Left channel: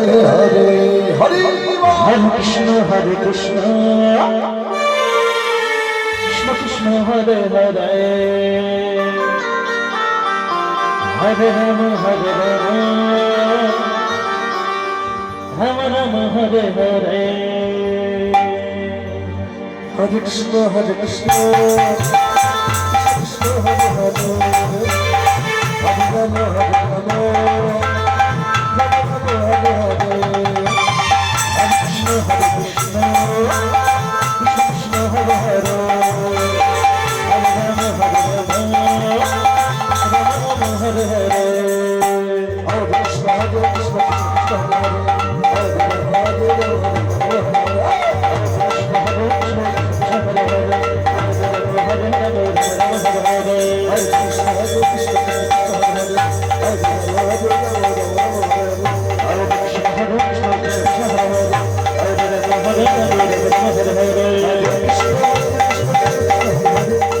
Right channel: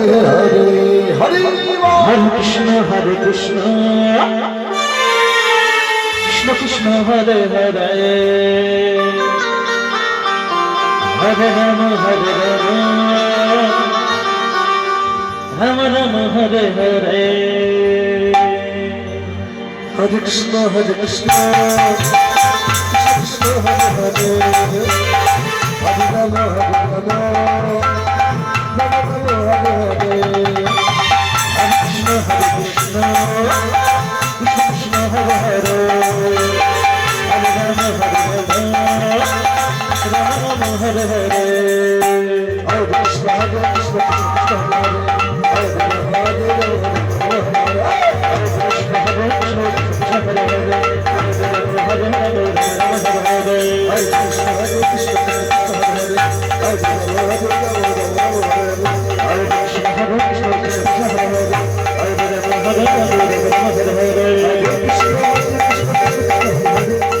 Hare Krishna, Krishna Krishna Hare Hare, Hare Rama Hare Rama, Rama Rama Hare Hare, Hare Krishna Hare Krishna, Krishna Hare Hare, Hare Rama Hare Rama, Rama Rama Hare Hare. Hare Krishna, Krishna Krishna Hare Hare, Hare Rama Hare Rama, Rama Rama Hare Hare. Hare Krishna, Hare Krishna, Krishna Hare Hare, Hare Rama Hare Rama,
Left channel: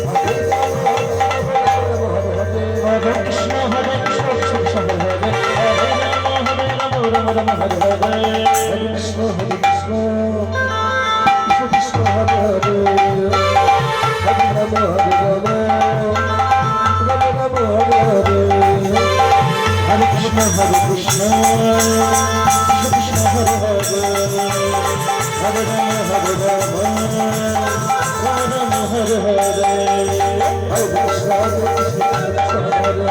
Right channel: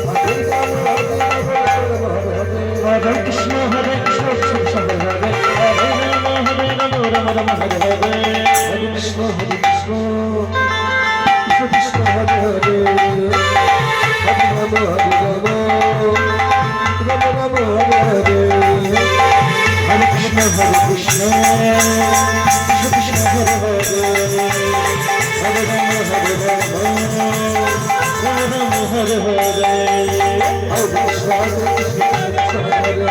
Hare Krishna, Hare Krishna, Krishna Hare Hare, Hare Rama Hare Rama, Rama Rama Hare Hare. Hare Krishna, Hare Krishna, Krishna Hare Hare, Hare Rama Hare Rama, Rama Rama Hare Hare. Hare Krishna, Hare Krishna, Krishna Hare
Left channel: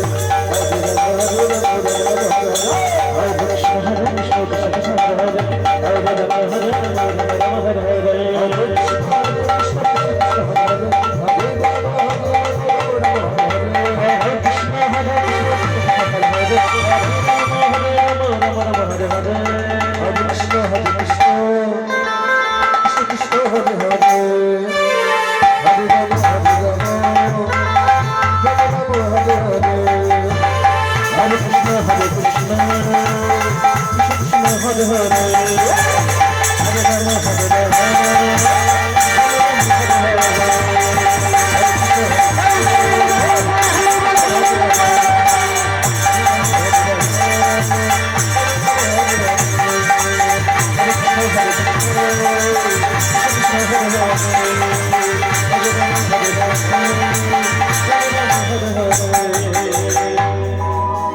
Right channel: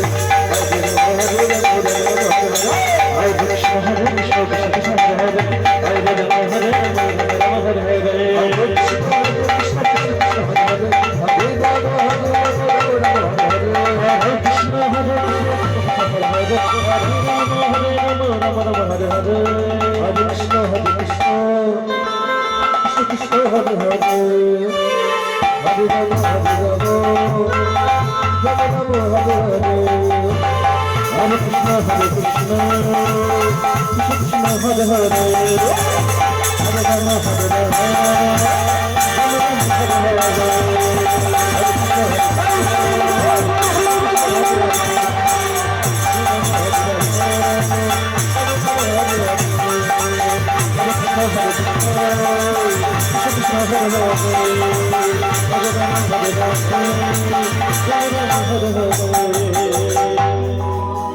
Hare. Hare